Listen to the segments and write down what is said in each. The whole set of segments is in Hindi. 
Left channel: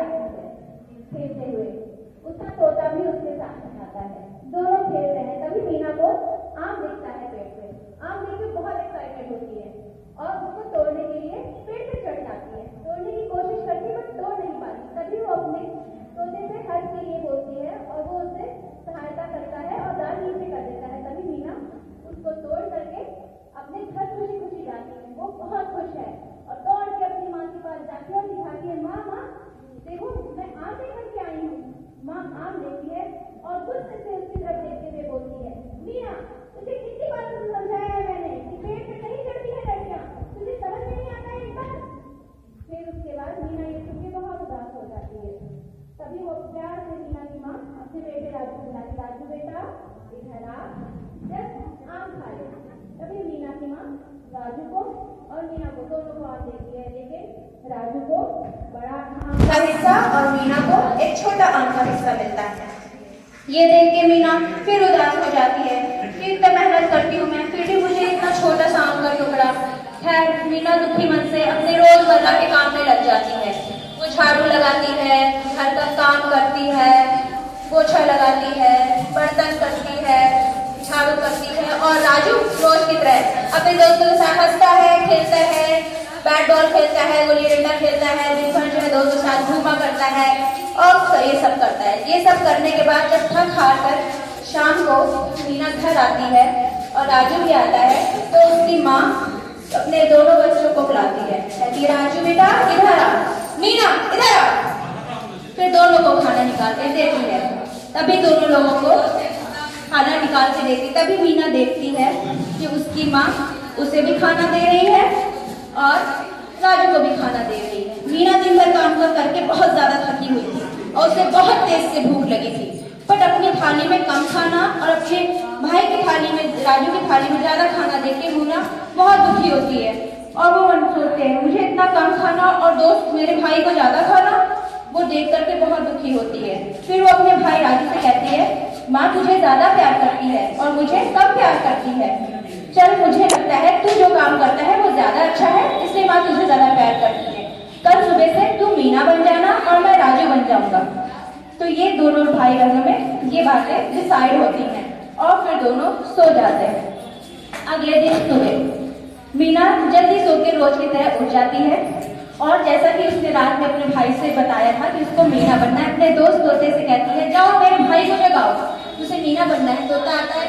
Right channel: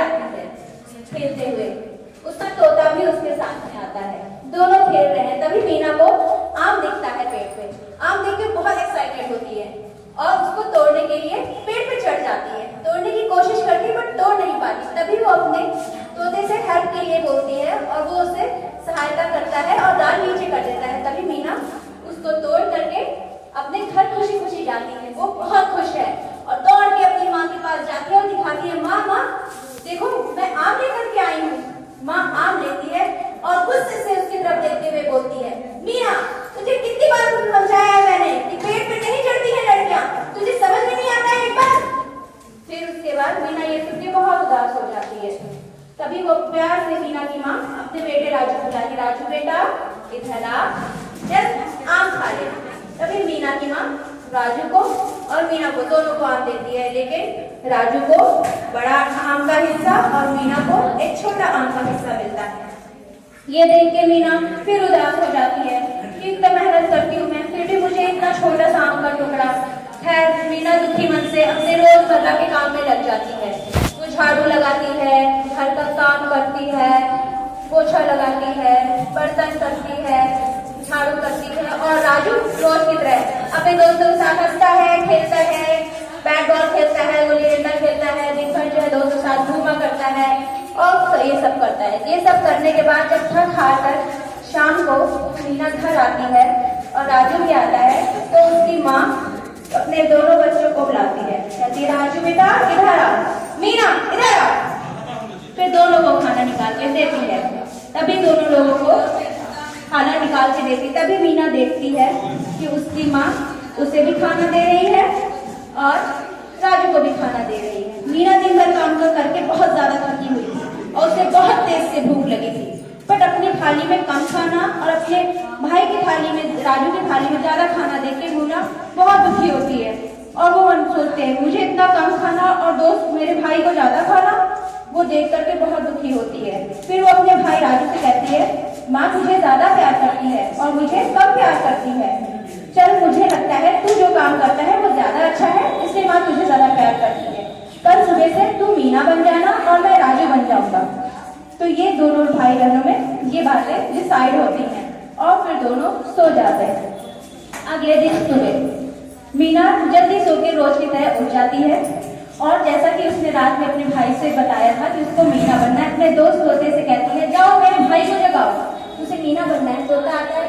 आती है खेलते हुए, उसका तोता भी उसके साथ में आता है। दोनों खेल रहे हैं, तभी मीना को आम दिखता है पेड़ पे। आम देख के बहुत एक्साइटेड होती है और उसको तोड़ने के लिए पेड़ पे चढ़ जाती है। तोड़ने की कोशिश करती है बट तोड़ नहीं पाती। तभी वो अपने तोते से हेल्प के लिए बोलती है और वो उसे सहायता करता है और डाल नीचे कर देता है। तभी मीना उसको तोड़ करके अपने घर खुशी खुशी जाती है। वो बहुत खुश है और दौड़ के अपनी माँ के पास जाती है और दिखाती है, माँ माँ देखो मैं आम लेकर के आई हूँ। माँ आम लेती है और गुस्से से उसकी तरफ देखते हुए बोलती है, मीना तुझे कितनी बार समझाया है मैंने कि पेड़ पे नहीं चढ़ती है लड़कियां, तुझे समझ में नहीं आता है एक बार। फिर उसके बाद मीना ये सुन के बहुत उदास हो जाती है। तभी वो प्यार से मीना की माँ अपने बेटे राजू को बुलाती, राजू बेटा इधर आ, जस्ट आम खा ले। तभी मीना की माँ राजू को और मीना को दोनों को आम देती है, लेकिन राजू को बड़ा आम का हिस्सा और मीना को एक छोटा आम का हिस्सा मिलता है। ये देख के मीना फिर उदास हो जाती है कि इतना मेहनत करती हूँ मैं, फिर भी मुझे इतना छोटा सा आम का टुकड़ा। खैर मीना दुखी मन से अपने रोजमर्रा के काम में लग जाती है। वो झाड़ू लगाती है, घर का काम करती है, पोछा लगाती है, बर्तन करती है, झाड़ू करती है और राजू रोज की तरह अपने दोस्तों के साथ हंसता है, खेलता है, बैट बॉल खेलता है, गुल्ली डंडा खेलता है, दिन भर जो है दोस्तों के साथ घूमा करता है और ये सब करता है। ये सब करने के बाद जब थक हार कर शाम को मीना घर आती है और राजू भी आता है तो उसकी माँ अपने दोनों बच्चों को बुलाती है, कहती है राजू बेटा इधर आ, मीना इधर आ। फिर दोनों को खाना निकाल के देती है। तभी दोनों लोगों को खाना निकाल के देती, तभी मीना देखती है कि उसकी माँ उसे भी खाना दे रही है और राजू को भी खाना दे रही है। मीना दिन भर काम करके बहुत ज्यादा थकी हुई थी और उसे बहुत तेज से भूख लगी थी, बट अपनी थाली में कम खाना और अपने भाई की थाली में, राजू की थाली में ज्यादा खाना देके मीना बहुत दुखी होती है और वो सोचते हैं मुझे इतना कम खाना और दोस्त मेरे भाई को ज्यादा खाना, वो देख करके बहुत दुखी होती है। फिर वो अपने भाई राजू से कहती है, माँ तुझे ज्यादा प्यार करती है और मुझे कम प्यार करती है। चल मुझे लगता है तू जो काम करता है वो ज्यादा अच्छा है, इसलिए माँ तुझे ज्यादा प्यार करती है। कल सुबह से तू मीना बन जाना और मैं राजू बन जाऊंगा। तो ये दोनों भाई बहनों में ये बातें डिसाइड होती हैं और फिर दोनों सो जाते हैं। अगले दिन सुबह मीना जल्दी सो के रोज की तरह उठ जाती है और जैसा कि उसने रात में अपने भाई से बताया था कि उसको मीना बनना है, अपने दोस्त तोते से कहती है, जाओ मेरे भाई को जगाओ, उसे मीना बनना है। तोता आता है,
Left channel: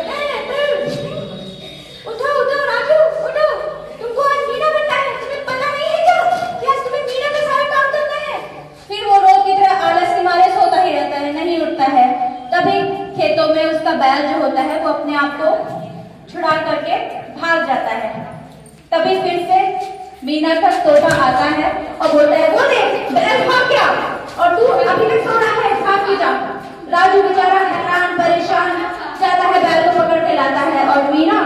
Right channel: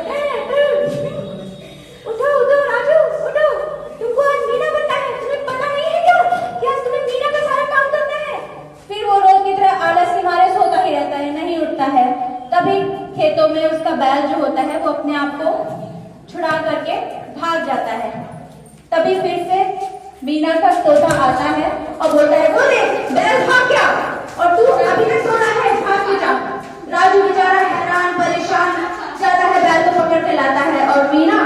उठो उठो राजू उठो, तुमको आज मीना बनना है, तुम्हें पता नहीं है क्या कि आज तुम्हें मीना का सारा काम करना है। फिर वो रोज की तरह आलस के मारे सोता ही रहता है, नहीं उठता है। तभी खेतों में उसका बैल जो होता है वो अपने आप को छुड़ा करके भाग जाता है। तभी फिर से मीना का तोता आता है और बोलता है, वो देख बैल भाग गया और तू अभी तक सो रहा है, भाग क्यों जा। राजू बेचारा हैरान परेशान जाता है, बैल को पकड़ के लाता है और मीना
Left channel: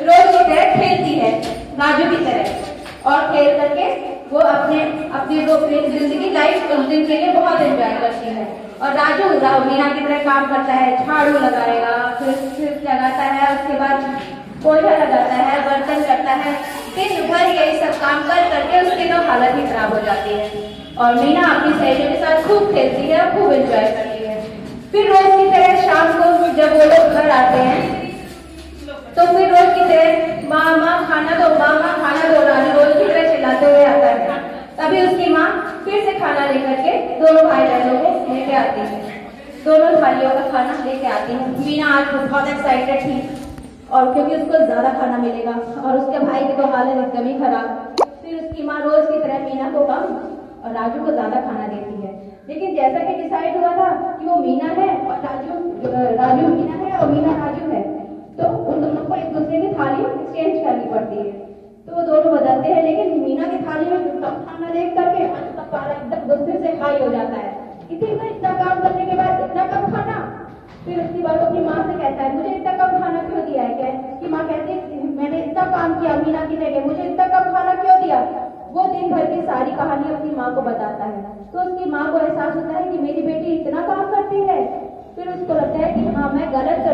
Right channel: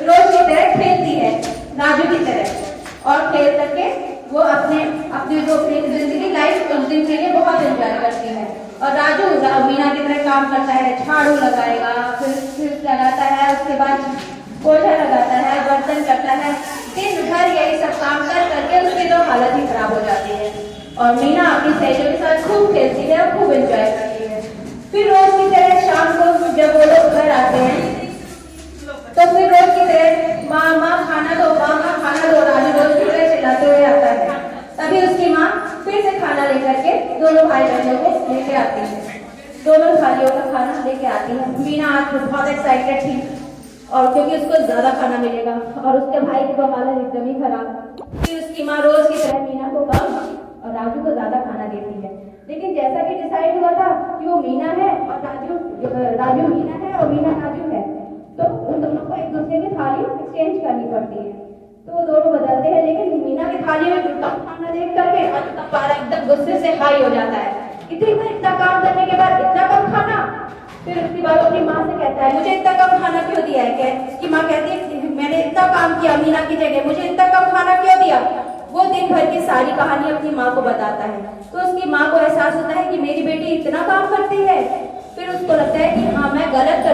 रोज की तरह खेलती है राजू की तरह और खेल करके वो अपनी जिंदगी लाइफ उस दिन के लिए बहुत एंजॉय करती है। और राजू मीना की तरह काम करता है, झाड़ू लगाएगा, फिर लगाता है, उसके बाद पोछा लगाता है, बर्तन करता है, दिन भर यही सब काम कर करके उसकी तो हालत ही खराब हो जाती है। और मीना अपनी सहेलियों के साथ खूब खेलती है, खूब एंजॉय करती है। फिर रोज की तरह शाम को जब वो लोग घर आते हैं तो फिर रोज की तरह माँ माँ खाना दो, माँ माँ खाना दो, राजू रोज की तरह चिल्लाते हुए आता है। तभी उसकी माँ फिर से खाना लेकर के दोनों भाई बहनों को लेके आती है, दोनों भाइयों का खाना लेके आती है। मीना आज बहुत एक्साइटेड थी और क्योंकि उसको ज्यादा खाना मिलेगा और उसके भाई की तो हालत एकदम ही खराब। फिर उसकी माँ रोज की तरह मीना को कम और राजू को ज्यादा खाना देती है। लेकिन जैसा कि डिसाइड हुआ था कि वो मीना है और राजू मीना है और मीना राजू है, तो उन दोनों को एक दूसरे की थाली एक्सचेंज करनी पड़ती है। तो वो दोनों बदलते हैं, लेकिन मीना की थाली में कम खाना देख करके राजू का पारा एकदम गुस्से से हाई हो जाता है, इतना काम करने के बाद इतना कम खाना। फिर उसकी बात अपनी माँ से कहता है, मुझे इतना कम खाना क्यों दिया है। क्या उसकी माँ कहती है, मैंने इतना काम किया मीना की जगह, मुझे इतना कम खाना क्यों दिया। वो दिन भर की सारी कहानी अपनी माँ को बताता है तो उसकी माँ को एहसास होता है कि मेरी बेटी इतना काम करती है। फिर उसको लगता है कि हाँ मैं गलत